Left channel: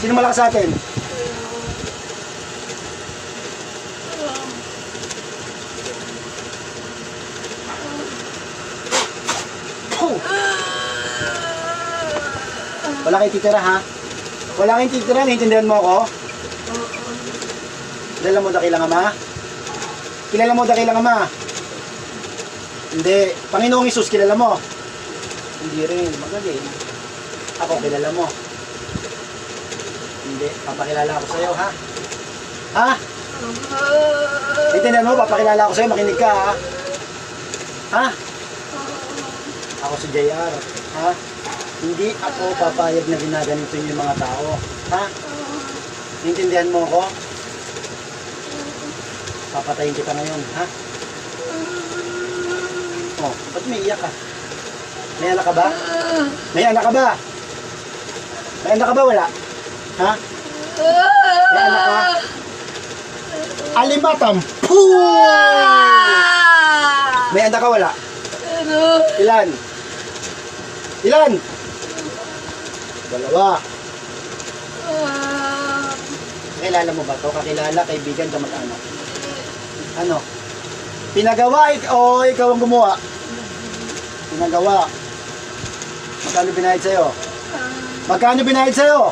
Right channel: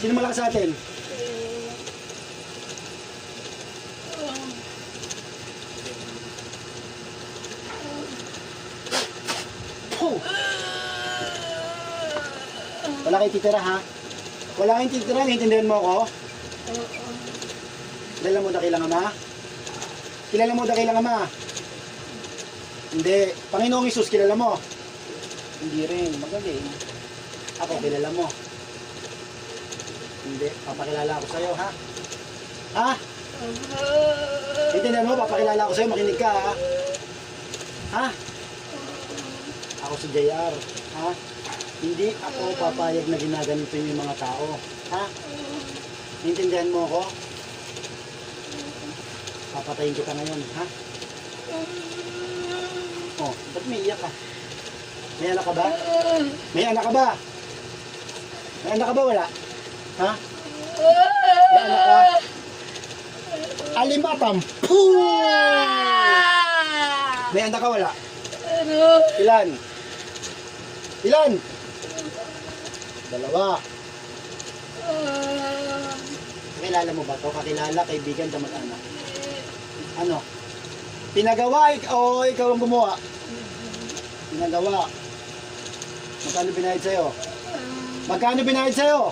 Sino malakas sa atin? Oh! Wala kayong titira ha? Wala kayong titira, naiintindihan mo ako? Kilala mo dakilang ama? Kilala mo dakilang ama? Hindi. Panginoong Hesus, kilala mo? Hindi rin. Magaling. Ako, kilala mo? Hindi. Papakilala ako sa'yo, ha? Ha? Intindihan mo? Papakilala ako sa'yo. Makinig ka, ha? Ha? Ako si JR. Ha? Hindi ako papayag na ginaganito niyo yung mga tao. Ha? Intindihan mo ako? Papatayin kita ngayon, ha? Oh, ba't may iyak ka? May anak ka ba? May anak ka ba? May anak ka ba? Wala? Ha? May anak ka? Alimatam! Poo! May anak ka? Wala? Ilan? Ilan? Dalawa. Kakilala mo ba ito? Kakilala, kaibigan, kamag-anak. Ano? Pinagawa o ikaw ang gumawa? Pinagawa. Magkano binayad sa'yo? Magkano binayad sa'yo?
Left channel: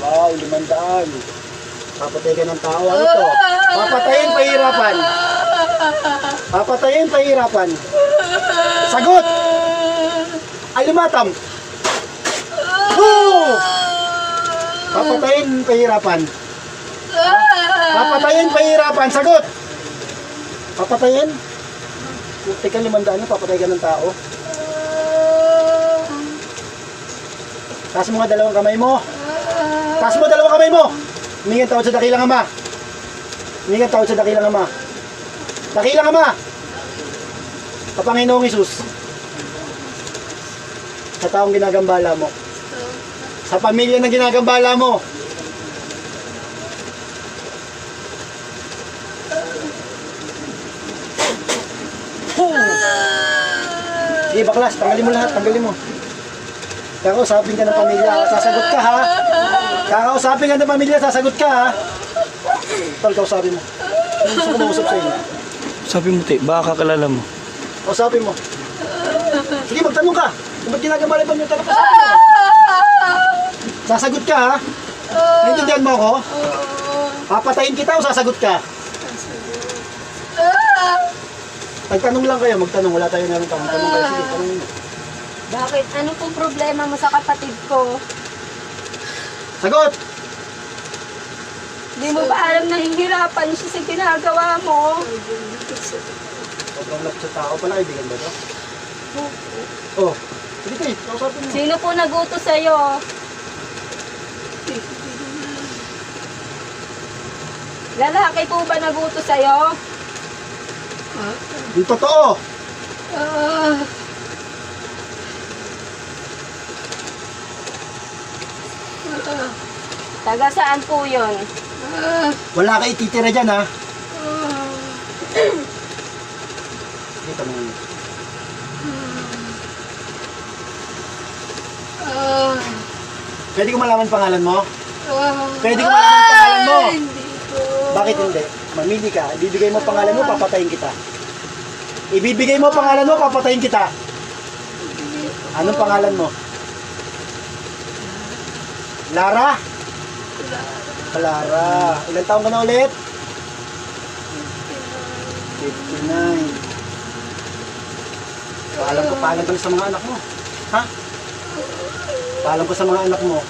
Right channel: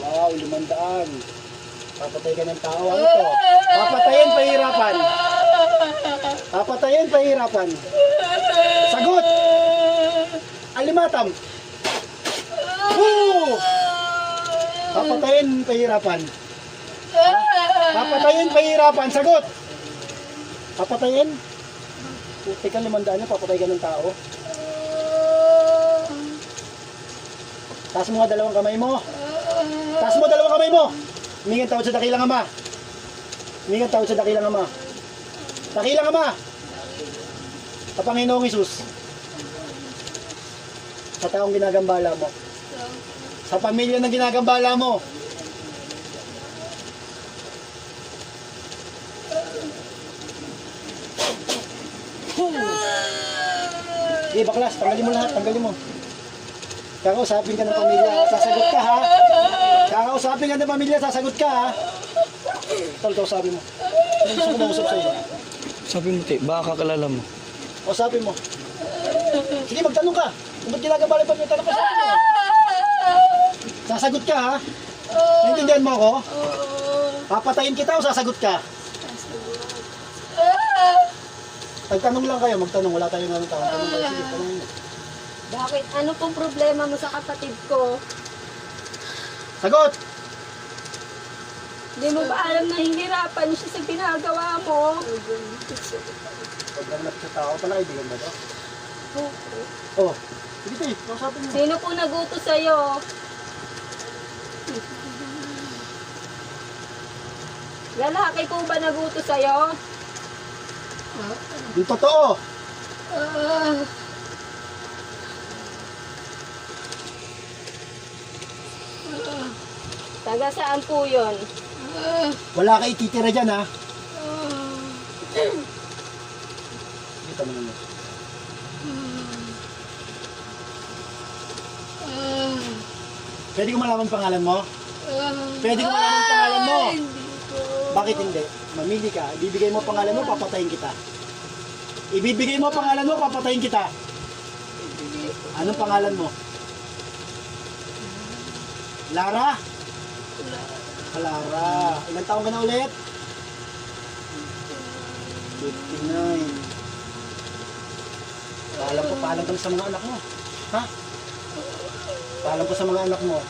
Wow, 500. Papatay ka ng tao. Ano to? Papatayin, pahirapan. Papatayin, pahirapan. Sagot! Alimatam. Oh! Papatayin, pahirapan. Papatayin, pahirapan. Sagot! Papatayin? Teka, 500 papatay ka ng tao. Taas mo nga dalawang kamay mo. Taas mo dalawang kamay mo. Humingan tawad sa dakilang ama. Humingan tawad sa dakilang ama. Dakilang ama. Sa Panginoong Hesus. Sa taong ginagambala mo. Sa pamilya na ginagambala mo. Sige baklas, tanggalin mo lahat, tanggalin mo. Kakausapin ka ng pamilya, sasagot ka ha. Kakausapin ka ng pamilya, sasagot ka ha. Tol, kausapin mo. Gusto ko mausap sa inyo. Sabi mo, te, baka kakilala mo. Kausapin mo. Sige, magtanong ka. Kung ba't ginagambala pa yung tanong ka? Sasagot ka ha. Naintindihan mo ako? Papatayin kita o sasagot ka? Magtanong lang kayo, magtanong. Wala tayo namin tanong. Tanong kayo, sige, tanongin mo. Bakit? Ano pong problema mo sa kapatid ko? Sagot! Di mo ba alam nahihirapan siya sa ginagawa mo? Sobrang lapit sa tao pala, kaibigan ba ito? Oh, sige tayo, kausapin mo. Sino po nagutos sa'yo? Lalaki po ba nagutos sa'yo? Yung totoo! Taga saan po yun? Wala ka ititira dyan ha. Sige, tanongin mo. Pwede ko malaman pangalan mo? Pwede ko malaman pangalan mo? Bakit hindi? Mamili ka. Ibibigay mo pangalan mo, papatayin kita. Ibibigay mo pangalan mo, papatayin kita. Anong pangalan mo? Lara? Lara. Ilang taong ka na ulit? 59. Paalam ka na sa mga anak mo. Ha? Paalam ko sa mga anak mo.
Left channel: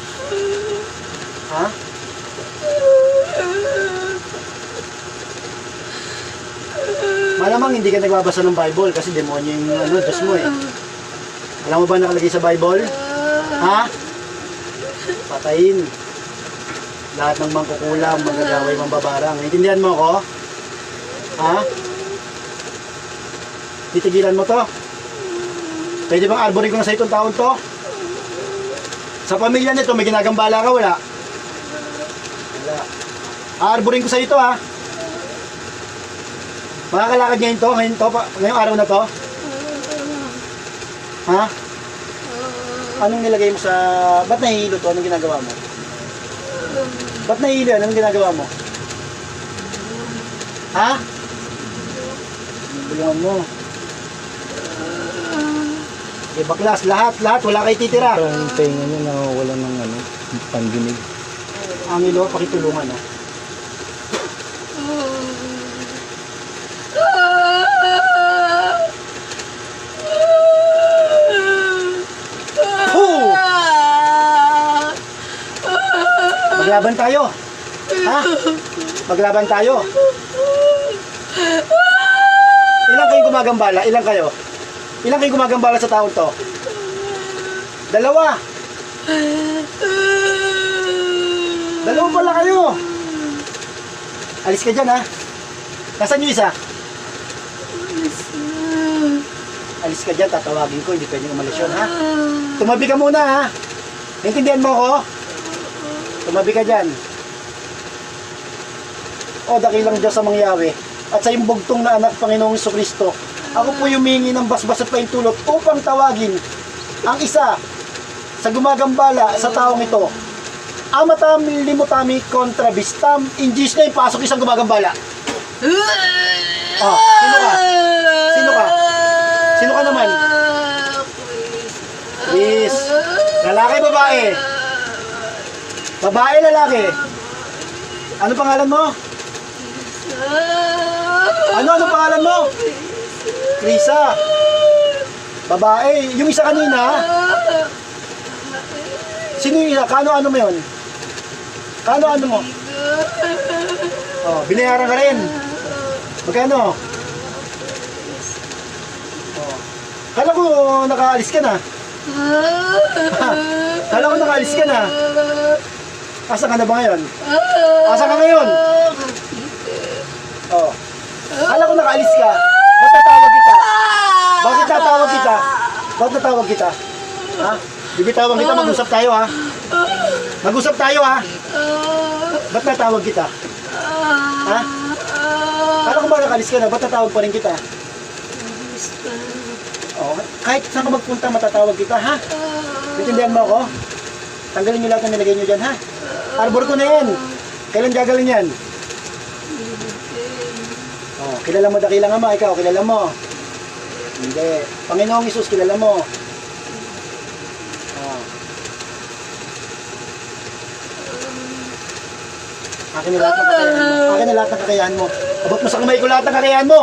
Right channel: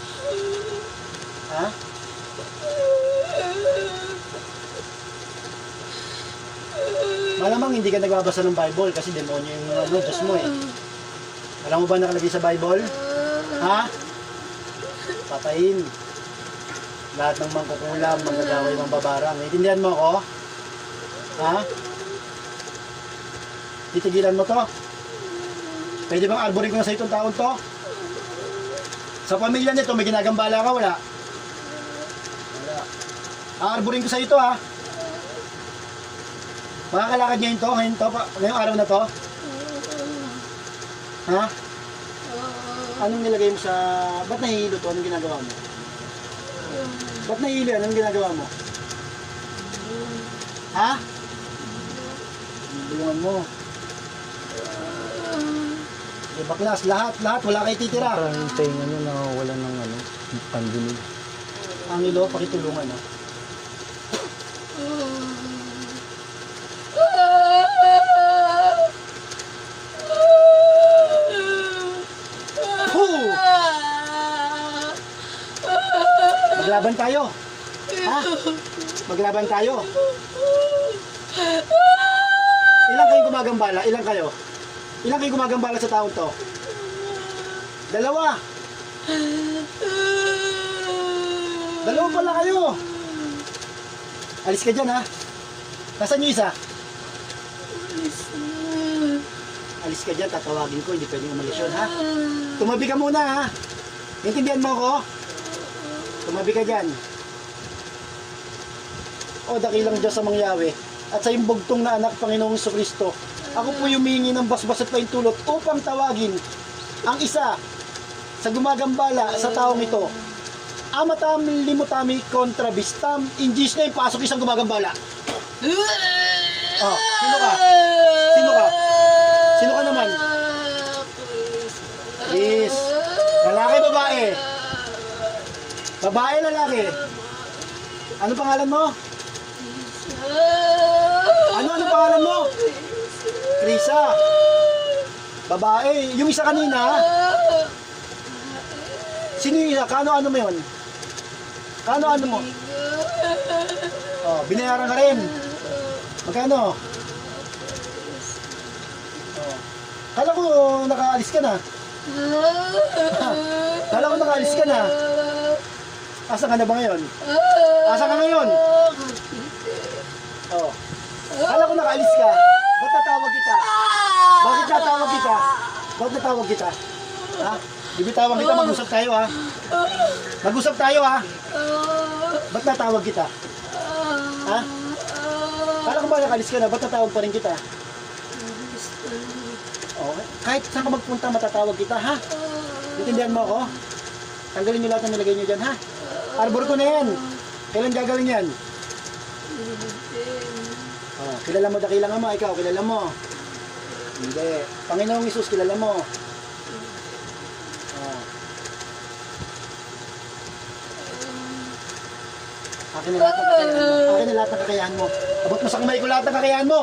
Ha? Malamang hindi ka nagbabasa ng Bible kasi demonyo yung Diyos mo eh. Alam mo ba nakalagay sa Bible? Ha? Patayin. Lahat ng mangkukulam, manggagaway, mambabarang. Naintindihan mo ako? Ha? Titigilan mo to? Pwede bang arborin ko na sa itong taon to? Sa pamilya nito, may ginagambala ka, wala? Wala. Arborin ko sa ito ha. Makakalakad ngayon to, ngayong araw na to? Ha? Anong nilagay mo sa... Ba't nahihilo to? Anong ginagawa mo? Ba't nahihilo yan? Anong ginagawa mo? Ha? Bulungan mo. Eh, baklas, lahat, wala kayo titira. Ito ang tenga niya nakawala ng pandinig. Ang ilo, pakitulungan, no? Hoo! Maglaban tayo. Ha? Maglaban tayo. Ilan kayong gumagambala? Ilan kayo? Ilan kayong gumagambala sa taon to? Dalawa. Dalawa pala kayo. Alis ka dyan, ha? Nasaan yung isa? Alis ka dyan, tatawagin ko. Hindi pwedeng umalis yun, ha? Tumabi ka muna, ha? Naintindihan mo ako? Tumabi ka dyan. O, dakilang Diyos sa mangyawi. At sa imbugtong na anak Panginoong Jesucristo, ako po humingi ng basbas at paintulot upang tawagin ang isa sa gumagambala sa taong ito. Amatam limutami kontra bistam in Jesus name, pasok isang gumagambala. Oh, sino ka? Sino ka? Sino ka naman? Please. Lalaki, babae? Babae, lalaki? Ano pangalan mo? Ano pangalan mo? Lisa. Babae. Yung isa kanina. Sino yung isa? Kano mo yun? Kano mo? Oh, binayaran ka rin. Magkano? Oh. Kala ko nakaalis ka na. Kala ko nakaalis ka na. Asa ka na ba ngayon? Asa ka ngayon? Oh. Kala ko nakaalis ka. Ba't natawag kita? Bakit natawag kita? Ba't natawag kita? Ha? Bibitawan kita, mag-usap tayo, ha? Mag-usap tayo, ha? Ba't natawag kita? Ha? Kala ko ba nakaalis ka na? Ba't natawag pa rin kita? Oh, kahit saan ka magpunta, matatawag kita, ha? Naintindihan mo ako? Tanggalin niyo lahat na nilagay niyo dyan, ha? Arbor ko na yan. Kailan gagawin yan? Oh, kilala mo dakilang Ama, ikaw, kilala mo? Hindi. Panginoong Hesus, kilala mo? Oh. Akin na lahat ng kakayahan mo. Akin na lahat ng kakayahan mo. Abot mo sa kamay ko lahat ng kakayahan mo.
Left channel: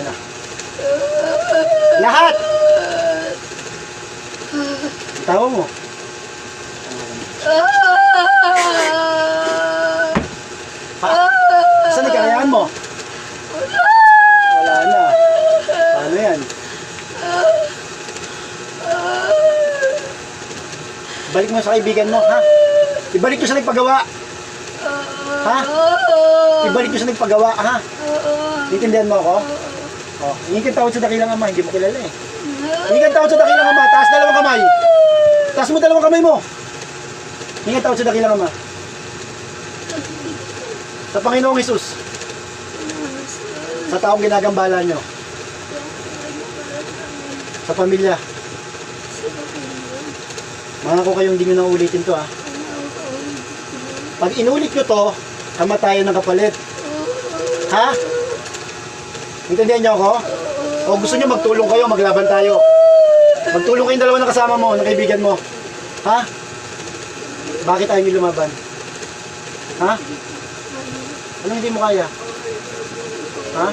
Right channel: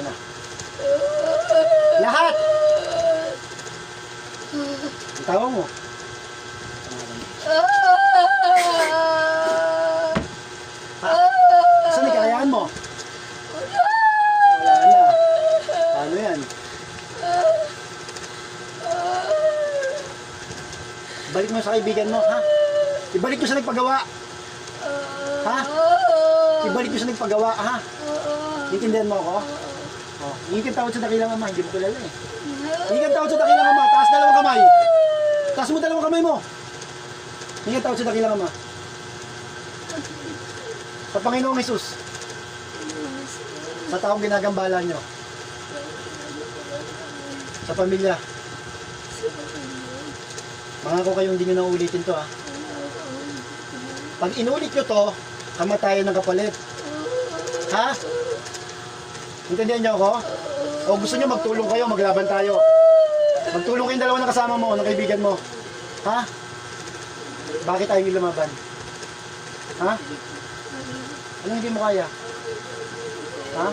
Ano? Lahat! Tawa mo. Saan ang kakayahan mo? Wala na. Paano yan? Balik mo sa kaibigan mo, ha? Ibalik mo sa nagpagawa. Ha? Ibalik mo sa nagpagawa, ha? Intindihan mo ako? Oh, hindi kang tawad sa dakilang Ama, hindi mo kilala eh. Hindi kang tawad sa dakilang Ama, taas dalawang kamay. Taas mo dalawang kamay mo. Hindi kang tawad sa dakilang Ama. Sa Panginoong Hesus. Sa taong ginagambala nyo. Sa pamilya. Mga ko kayong hindi nyo na ulitin to, ha. Pag inulit nyo to, kamatayan ng kapalit. Ha? Intindihan nyo ako? O gusto nyo magtulong kayo, maglaban tayo. Magtulong kayong dalawa na kasama mo, na kaibigan mo. Ha? Bakit tayo nyo lumaban? Ha? Anong hindi mo kaya? Ha?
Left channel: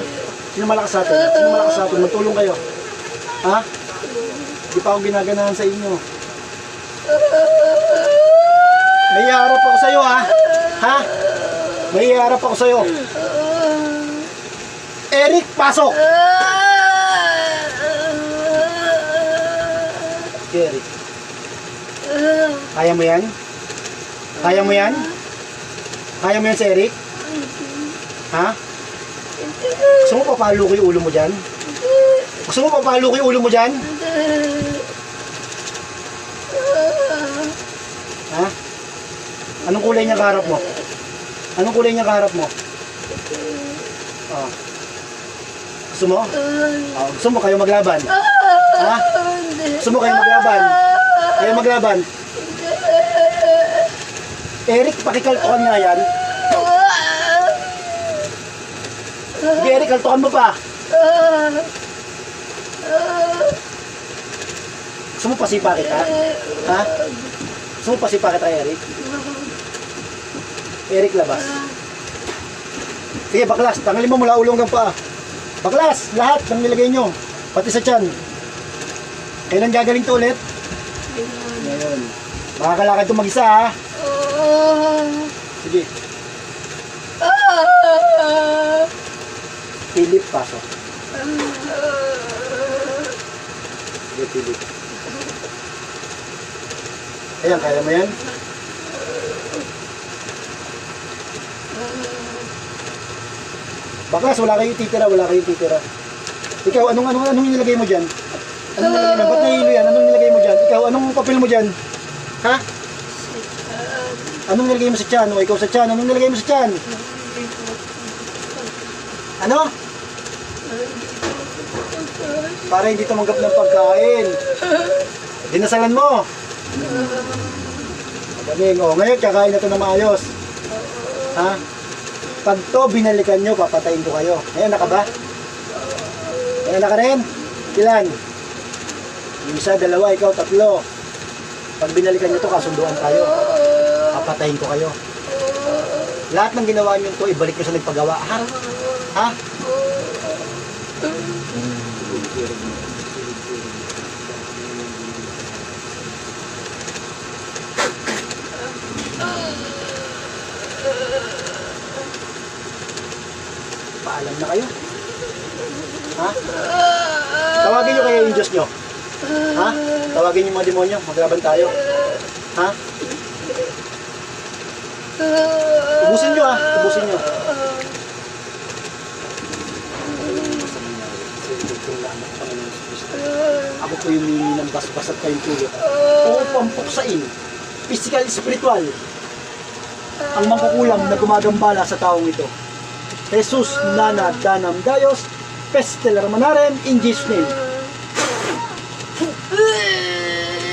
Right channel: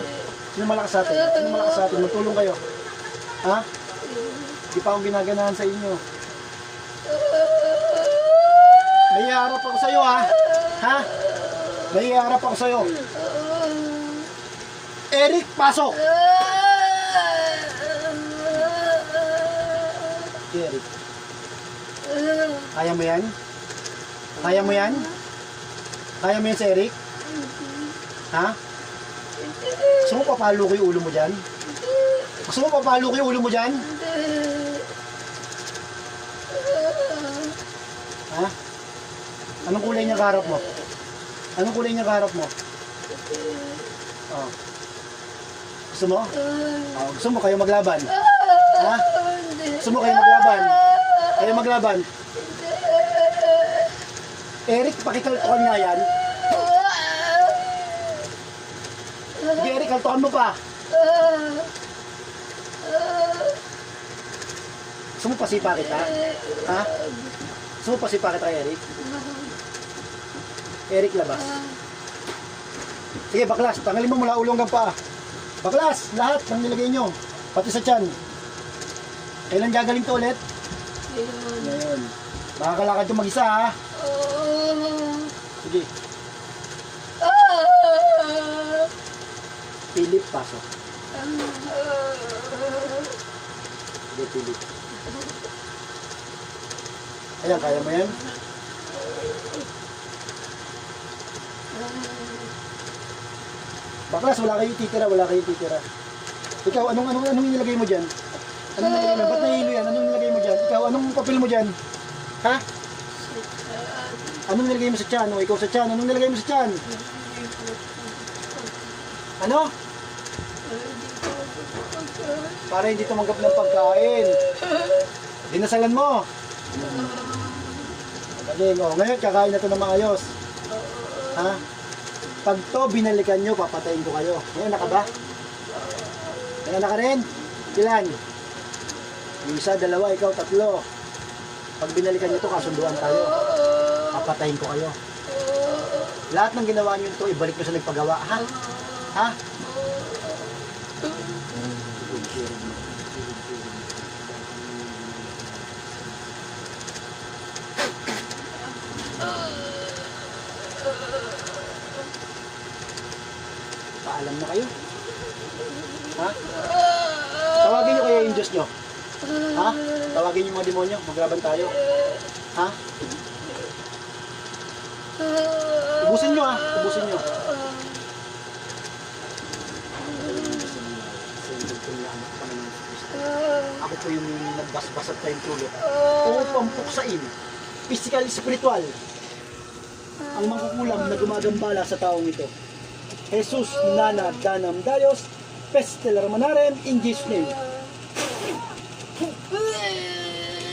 Sino malakas sa atin? Sino malakas sa atin? Magtulong kayo. Ha? Di pa ako ginaganahan sa inyo. May iharap ako sa'yo, ha? Ha? May iharap ako sa'yo. Eric, pasok! Eric. Kaya mo yan? Kaya mo yan? Kaya mo yan si Eric? Ha? Gusto mo papalo ko yung ulo mo dyan? Gusto mo papalo ko yung ulo mo dyan? Ha? Anong kulay niya kaharap mo? Anong kulay niya kaharap mo? Gusto mo? Gusto mo kayo maglaban? Ha? Gusto mo kayo maglaban? Kayo maglaban? Eric, pakikaltukan nga yan. Sige Eric, kaltukan mo pa. Gusto mo pasipa kita? Ha? Gusto mo pasipa kita Eric? Eric, labas. Sige, baklas. Tanggalin mo mula ulo hanggang paa. Baklas! Lahat ng nilagay nyo. Pati sa tiyan. Kailan gagaling to ulit? Ngayon. Makakalakad to mag-isa ha. Sige. Philip, pasok. Sige, Philip. Ayan, kaya mo yan? Baklas, wala kayong titira, wala kayong titira. Ikaw, anong nilagay mo dyan? Anong nilagay mo? Ba't nahihilo yan? Anong nilagay mo dyan? Ikaw, anong papel mo dyan? Ha? Anong nilagay mo sa tiyan? O ikaw sa tiyan, anong nilagay mo sa tiyan? Ano? Para hindi tumanggap ng pagkain. Dinasalan mo. Galing, o ngayon kakain na ito na maayos. Ha? Pag to binalikan nyo, papatayin ko kayo. Ayan na ka ba? Ayan na ka rin? Ilan? Yung isa, dalawa, ikaw, tatlo. Pag binalikan nyo to, kasunduan tayo. Papatayin ko kayo. Lahat ng ginawa nyo to, ibalik nyo sa nagpagawa. Ha? Ha? Paalam na kayo. Ha? Tawagin nyo kaya yung Diyos nyo. Ha? Tawagin yung mga demonyo. Maglaban tayo. Ha? Ubusin nyo ha. Ubusin nyo. Ako po yung mimi ng basbas at kayong tulog. O pampuksain. Physical, spiritual. Ang mangkukulam na gumagambala sa taong ito. Jesus Nana Danam Gayos, Pestel Ramanaren, in Jesus' name.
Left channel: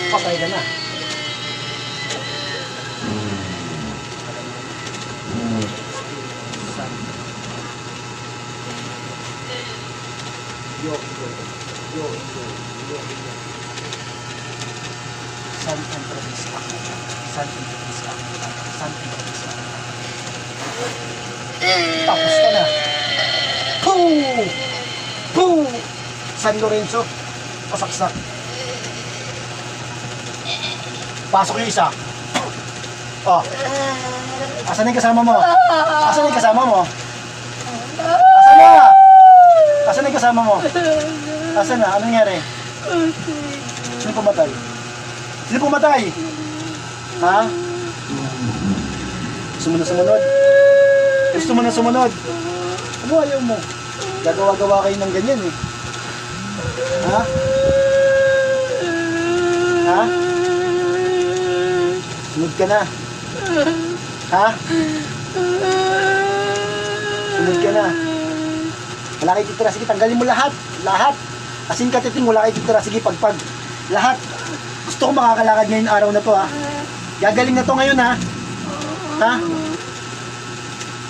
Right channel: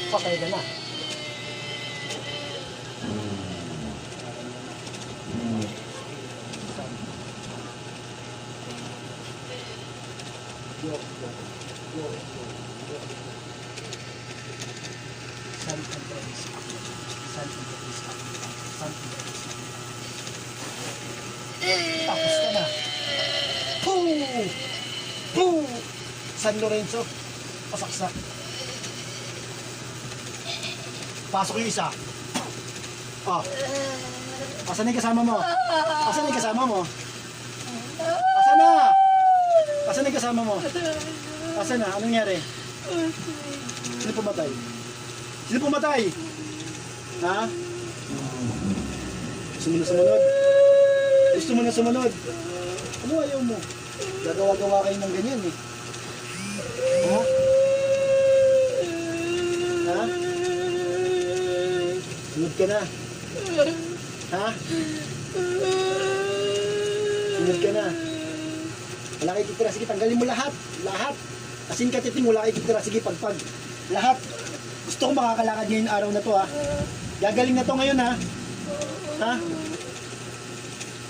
Patay ka na. San and Promise ako. San and Promise ako. San and Promise ako. Tapos ka na. Boom! Boom! San Lorenzo. Pasaksak. Pasok yung isa. Oh. Asan yung kasama mo? Asan yung kasama mo? Asan na? Asan yung kasama mo? Asan na? Anong nangyari? Sino pumatay? Sino pumatay? Ha? Gusto mo na sumunod? Gusto mo na sumunod? Ano ayaw mo? Gagawa-gawa kayo ng ganyan eh. Ha? Ha? Sunod ka na. Ha? Sunod ka na. Wala kayo titira. Sige, tanggalin mo lahat. Lahat. Asin katiting, wala kayo titira. Sige, pagpag. Lahat. Gusto ko makakalakad ngayon araw na to ha. Gagaling na to ngayon ha. Ha?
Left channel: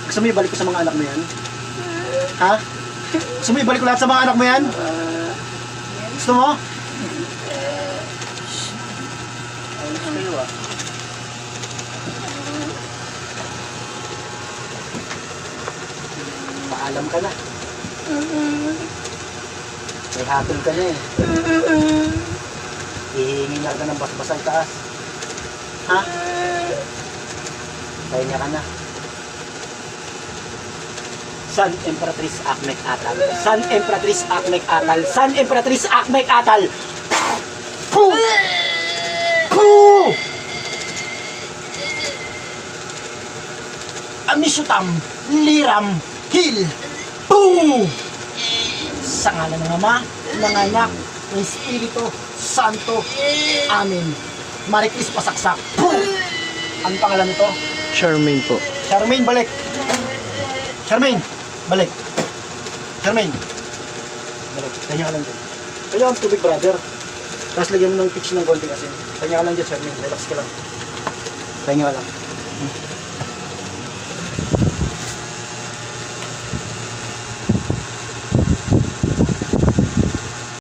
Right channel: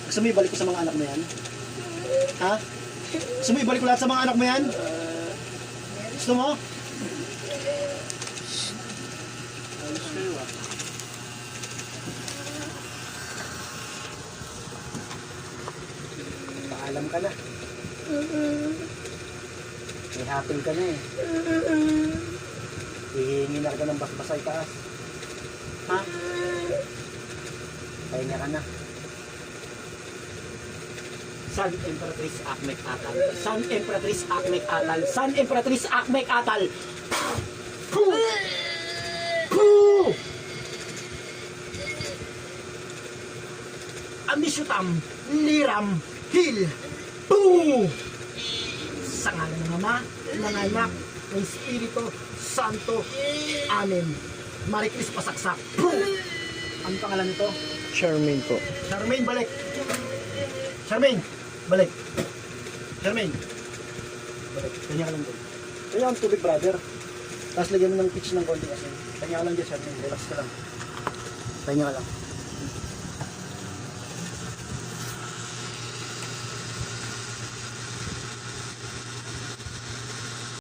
Gusto mo ibalik ko sa mga anak mo yan? Ha? Gusto mo ibalik ko lahat sa mga anak mo yan? Gusto mo? Ayos kayo ah. Paalam ka na. May hapon ka na eh. Hihingi na ka ng basbasay taas. Ha? Kaya niya ka na. San Empress Akmek Atal. San Empress Akmek Atal. San Empress Akmek Atal. Poo! Poo! Amisyutam, Liram, Hil, Poo! Sa ngalan ng Ama, ng Anak, ng Espiritu Santo. Amen. Mariklis pasaksak. Poo! Ang pangalan nito? Charmaine po. Charmaine, balik. Charmaine, balik. Charmaine. Balik. Kanya ka lang din. Kaya ang tubig, brother. Tapos lagyan mo ng pitch ng konti kasi. Pahinga ka lang dyan, Shermin. Relax ka lang. Pahinga ka lang.